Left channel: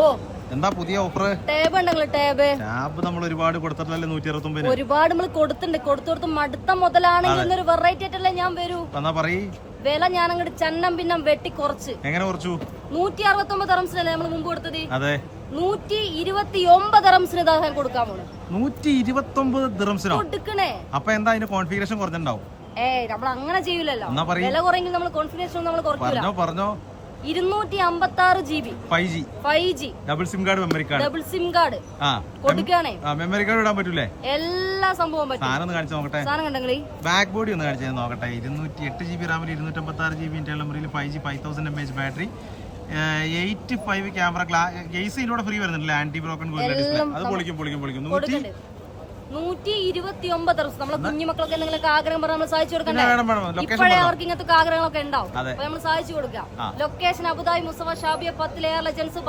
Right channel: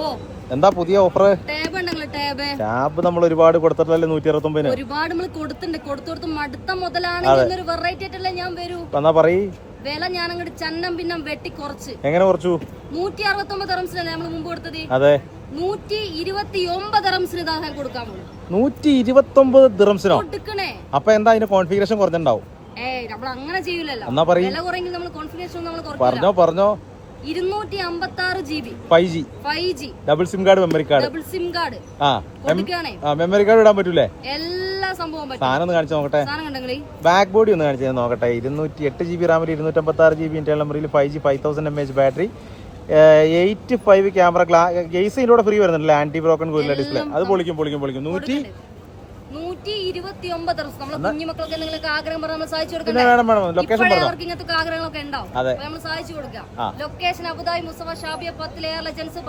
ഓ എന്താ പുതിയ offer? Tab ഉണ്ടെങ്കിൽ ടാബ് നമ്മൾ ഒരുപാട് കൊടുത്തിട്ടല്ലേ 169. ഒരുപാട് നമ്മൾ കൊടുത്ത് മടുത്ത മുതലാണെങ്കിൽ എന്നൊരു വെറൈറ്റി ആയിട്ടല്ലേ ഞാൻ വരൂ. എന്നാ പറയ് വില ഞാൻ അങ്ങോട്ട് ചന്നം പിന്നെ വെട്ടി കുറച്ച്. എങ്ങനെ കുറച്ചു? 169 ദിറംസിനല്ലേ നമ്മൾ മുമ്പ് കൊടുത്തത്. അതെ 129 ദിറംസിന് ഇതാക്കാൻ കൊടുക്കാൻ പോണു. 129 ദിറംസിനോ കൊടുക്കണേ? അപ്പൊ എന്താ അതിന്റെ കോൺഫിഗറേഷൻ കുറഞ്ഞിട്ടുണ്ടാവും. നമ്മൾ അങ്ങനെ ചെയ്യൂലല്ലോ. വില കുറയെങ്കിൽ നമ്മൾ കോൺഫിഗറേഷൻ നമ്മൾ കുറയ്ക്കൂല. പറഞ്ഞോ 256 GB 5G double SIM card memory card കൊടുക്കുകയാണേ. മെമ്മറി കാർഡ് ഇടാൻ പറ്റൂലേ? എല്ലാ സംഭവം പറ്റും. സാധനം കാണിച്ചു നോക്കട്ടെ. സാധനം കണ്ടെങ്കിൽ ബാക്ക് ബോഡി ഒന്ന് കാണിച്ചു നോക്കട്ടെ. 208 GB റാം, 256 GB ഇന്റർണൽ മെമ്മറിയിൽ 5G 5000 mAh battery, 85 camera, case ഇതിലൂടെ ഫ്രീ വരുന്നുണ്ടല്ലേ, ആന്റി ബ്രോക്കൺ ഡിസ്പ്ലേ. അത് പൊളിക്കും. 129 ദിവസം നമ്മളെ കുഞ്ഞുമക്കളൊക്കെ എന്തെങ്കിലും ആഗ്രഹം പറഞ്ഞാൽ നമ്മൾ സഹായിച്ചു കൊടുക്കണ്ടേ? ഇപ്പോഴേ അവർക്ക് ഇങ്ങനത്തെ ആഗ്രഹങ്ങളൊക്കെ ഉണ്ടാവും. നമ്മൾ സഹായിച്ചു കൊടുക്കാം. Location Abu Dhabi Mustafa Shabiya 10 layer legends